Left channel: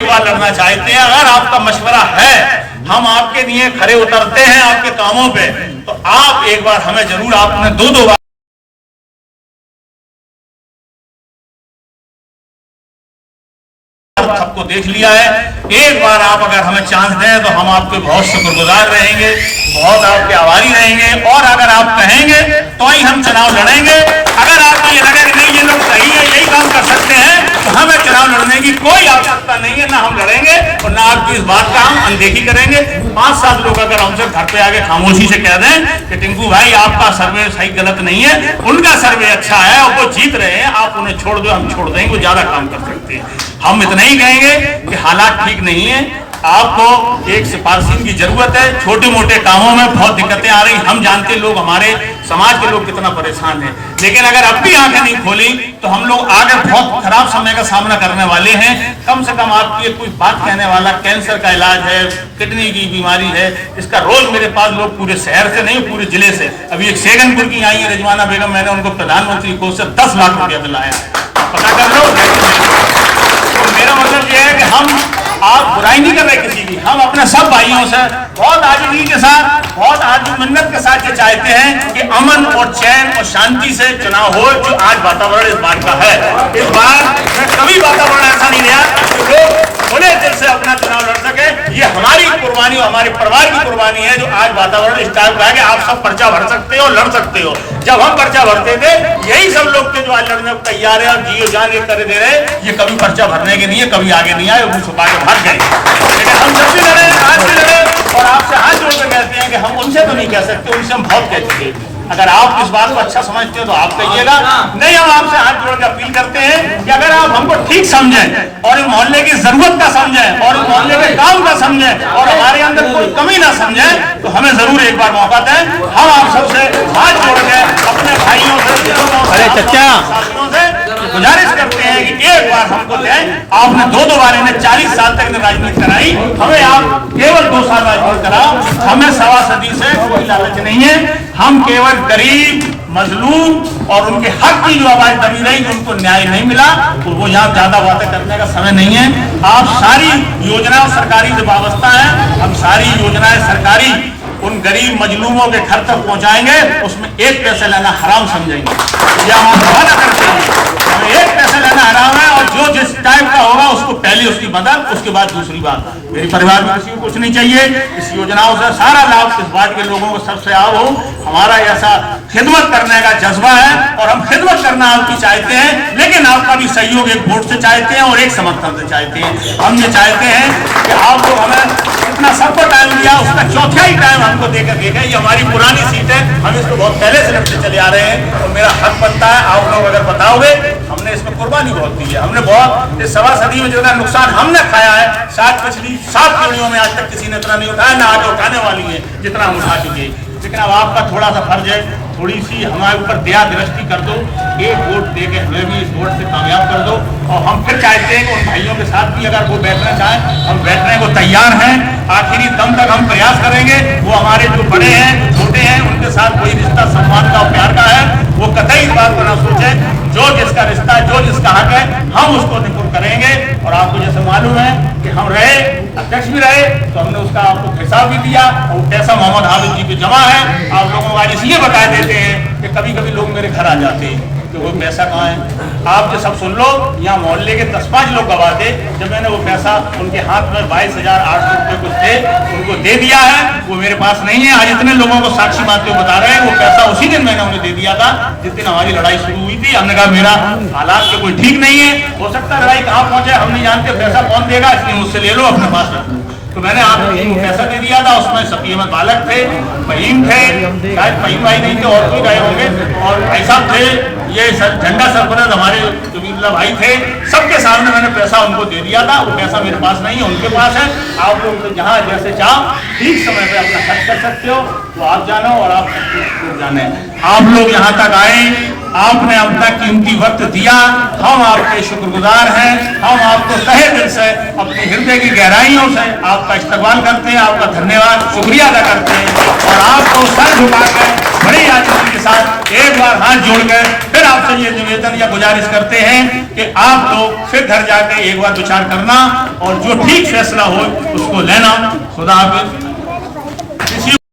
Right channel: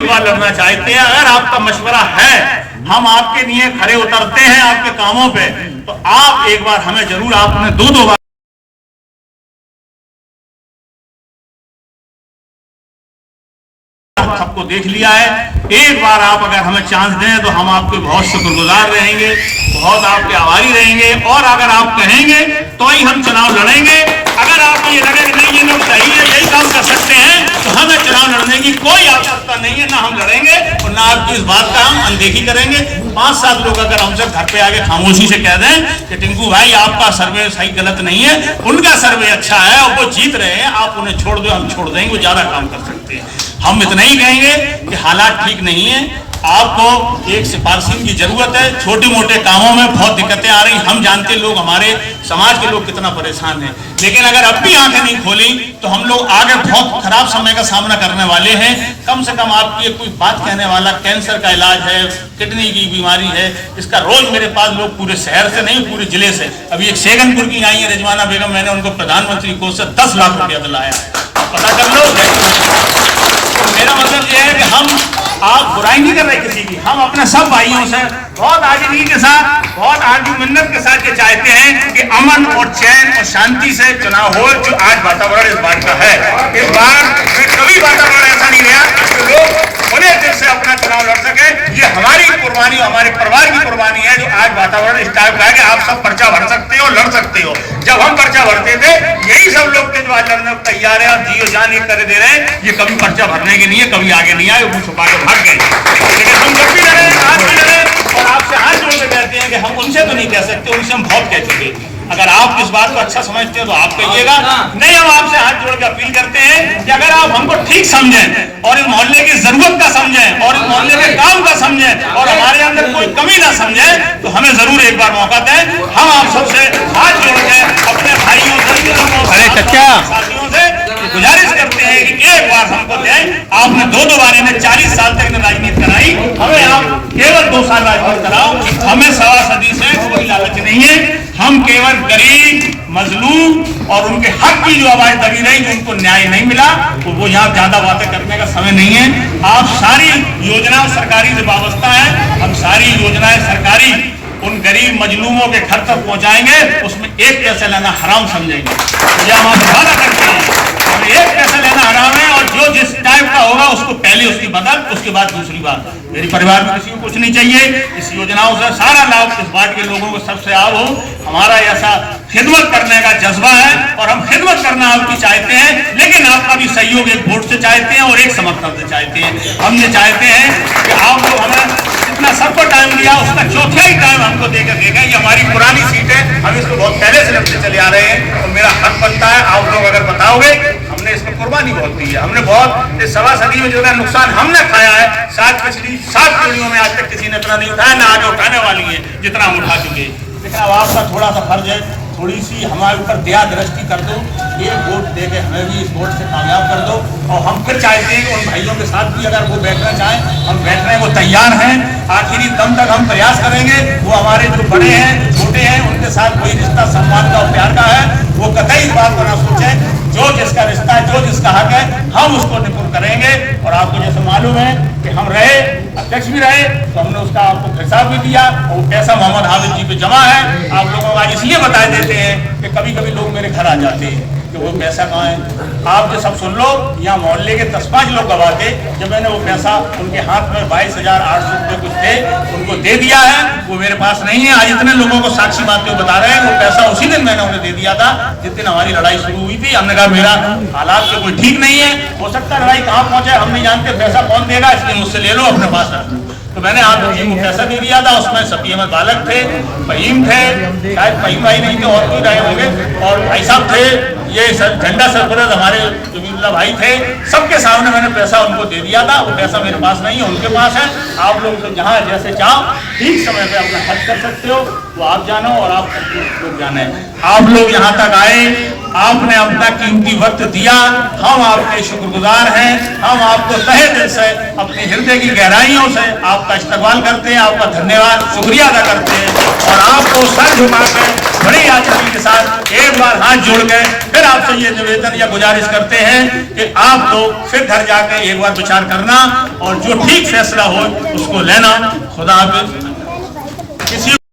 लड़ना चाहते हैं, अगर आपका मशवरा है, हम आपके लिए खड़े उतरते हैं आपके कामों पे, तो आप एक बार हमें जरूर, आपने दो बार सबको देख लिया है, एक बार आप अगर हमें चांस दें तो हम आपके बहुत शुक्रगुजार रहेंगे, बहुत आपके आभारी रहेंगे। और अगर आप कहेंगे तो ही हम चुनाव लड़ेंगे। अगर आपको ये लगे नहीं ये लोग सही है, यही काम कर सकते हैं, तो हमें चुनाव लड़ने की कोई आवश्यकता नहीं है, ना हम लड़ेंगे और ना आपकी इस बात का हम अनदेखी करेंगे। 5-7 लोग अगर हमसे घर पे आके खामोशी से कह दें कि टिंकू भाई आपका सर्वे सही गलत नहीं है, उनका सर्वे अच्छा है और वो जीत रहे हैं, आप उन्हें छोड़ दो, हम छोड़ देंगे, वो ज्यादा काम कर सकते हैं। हम इतना ही कहेंगे कि हालात ठीक नहीं है, आपको एक सिफारिशी की जरूरत है, छोटे मोटे कामों में बहुत दिक्कतें आ रही, हम जानते लोग, हमारे समाज के लोग कितना परेशान हैं, लेकिन अगर अब भी आंखें नहीं खोली तो हम लोग आगे बहुत खराब समय का सामना करने वाले हैं। कम से कम आपकी कोई बात कहने वाला, कैंसर का इलाज है, किडनी की बीमारी है, इसका रोज मेरे पास लोग पूरे शहर से नहीं पूरे जिले से, अभी एक शेगनपुर की आई है रिजवाना बेगम, मैंने उनको प्रधानमंत्री कोष से 10 लाख रुपया दिलाया, पता कर लो। तो मेरा मतलब यह है कि हम आप बुराई नहीं कर रहे किसी की, हम अपने सब भाइयों से बहुत आजीजी के साथ, बहुत आर्गुमेंट के साथ ये चाहते हैं कि अमन और चैन और शांति से चुनाव हो। जो आज वातावरण इस बार का है, इस बार कभी वातावरण ऐसा नहीं रहा कि लोग खुले दिल से अपना चुनाव लड़ सके। ये हमारी कुर्बानी, हमारे परिवार की कुर्बानी है जो आज वातावरण इस टाइप का है कि आप सब पर्चा भर सकते हो, लड़ सकते हो। जब हम पर्चा भरते थे यही सब लोग थे जो आज लड़ने को तैयार है, आप जियो जान ये कर दे रहे, ये कभी पर्चा भरने के लिए कभी आगे नहीं आए, वो छुपा के भाग गए। लेकिन हम जब भी लड़े, आज भी लड़े और आपसे हाथ जोड़ के कहते हैं कि हम उनसे तो नहीं कह सकते, उनसे हम बहुत कह चुके। अगर आप इस बात को अच्छा समझते हो तो आप कहिएगा, नहीं हम आपसे हाथ जोड़ के अपील करते हैं कि अगर आप हमको ठीक समझें और इस मोहल्ले की जरूरत का समझें और इस मोहल्ले के काम का समझें और हमारे अंदर कोई कमी ना समझें, तो हमें जरूर एक बार मौका दें। हम आप सबसे हाथ जोड़ के अपने भाइयों से, साथियों से गुजारिश करते हैं कि एक बार हमको दें। आपने दो बार इन्हें 40 साल तक राजनीति कराई, हमें आप केवल 2 साल राजनीति कराओ। हमें 1.25 सदी से कोई लालच नहीं है, हम केवल गरीब, मजलूम और उनके हक की जो आवाज दबी रही, जो उनको न्याय नहीं मिला, तो वो यहाँ ज्यादा बातें करने का समय नहीं है। आप सारी योजनाओं सरकारी जो व्यवस्था है, हम सारी योजनाएं सरकारी उन गरीब मजलूमों के घर तक पहुंचाएंगे, उसमें 1 पैसा लेना हराम समझेंगे। ये हम आपसे वादा करते हैं, हमें 1 पैसा लेना हराम है और जो जिस टाइप का होगा उसको पहले उसकी मदद, उसके बाद दूसरी बात। मेरे परिवार में किसी को कुछ नहीं चाहिए, इस योजनाओं से सारा लाभ इस बात के लोगों को सबसे आव हो। हमारा ऐसा खिदमत करने का जज्बा है और हम खिदमत करना आपकी चाहते हैं, लेकिन आपका भी सहयोग एक वोट से चाहते हैं और एक समर्थन से चाहते हैं। हम ये चाहते हैं कि आप लोग हमें इतना सबको टाइम दिया, उसका चौथाई टाइम हमको देके देखें। ये हमारी पुरानी सीट है, हम इसको बहुत पहले से लड़ते चले आ रहे हैं, तो मेरा हक बनता है आप लोग अगर बताओगे, हमने इसमें कुर्बानी बहुत दी है, हमने बहुत इस 1.25 सदी में जो है नुकसान हमने खाया है, 7 पीढ़ियों में आज तक किसी ने इतना नहीं उठाया, ना आगे उठाने वाली है जितना हम उठा चुके। लेकिन अब आपका थोड़ा सा फर्ज है, थोड़ी सी हमारे ऊपर दया दृष्टि कर दो, एक वोट दे के हमें भी इस वोट से कामयाब कर दो। और हम फिर चाहते हैं कि उन भाइयों के साथ भी अगर वो बैठना चाहें, हम बैठने को तैयार हैं, आखिरी दम तक हम प्रयास करेंगे। वो हमारे जो बड़े हैं, छोटे हैं, उनके साथ वही रिश्ता सम्मान का और प्यार का है, वो कतई इस बात को ना सोचें, जो जिसका रिश्ता है, जो जिसका हक है, हम उसको निपुण करेंगे। और आपको जैसे मालूम है कि हम रहे, अध्यक्ष भी रहे, तो हमने उसका आपको हिसाब भी दिया और पैसा मोहम्मद हाफिज जी पे जमा है। आप लोगों को आज इसलिए बता देते हैं कि कभी कभी लोग मेरे घर आ जाते हैं कि वो पैसा कहाँ है। आप जो सब सुन लो, यहाँ मोहल्ले के 10-5 लोग गवाह थे, जब मैंने वो पैसा उनके हाथ में 22,800 रुपये कुछ थे, उनको दे दिया है, वो मेरे पास नहीं है। आज इतने लोगों को साक्षी मानते हुए बता रहे हैं, वो पैसा उसी दिन मैंने उन्हें दे दिया था जिस दिन हमारी लड़ाई शुरू हुई थी। हमने कहा मेरा हालात के कोई ठीक नहीं है, हो सकता है लड़ाई कहाँ पहुंचे हम नहीं जानते, पैसा कौन देगा, इसलिए मुझसे ले लो अपने पास। तो मैंने आपको पैसा दे दिया था, उसमें शफी अहमद बालक थे, फहीम थे, शायद फहीम भाई नहीं थे और कोई गए होंगे, और भाई साहब थे, ये झंडा सरपरस्त हमारे जमीरुल्लाह भाई थे, सबके सामने मैंने पैसा उनको दे दिया था। वो पैसा मेरे पास नहीं है, उनके पास है। आप लोग तो जहाँ जैसे चाहो ठीक समय पे अपना खर्च कर सकते हो, तो आप जानो और आप लोग जाने। आप लोग यहाँ तक आए, आपने अपना कीमती वक्त दिया, हम आपके शुक्रगुजार हैं। हम आपको तहे दिल से अपने हृदय हृदय की गहराइयों से आपका इस्तकबाल करते हैं, आपका धन्यवाद शुक्रिया अदा करते हैं और आपको सर झुकाकर बड़ी आदमी के साथ एक बार हाथ जोड़कर फिर आपसे ये निवेदन या गुजारिश करते हैं कि आप लोग फिर घर जाके एक बार विचार करना और जो ठीक फैसला हो उसको लेना। खुदा हाफिज।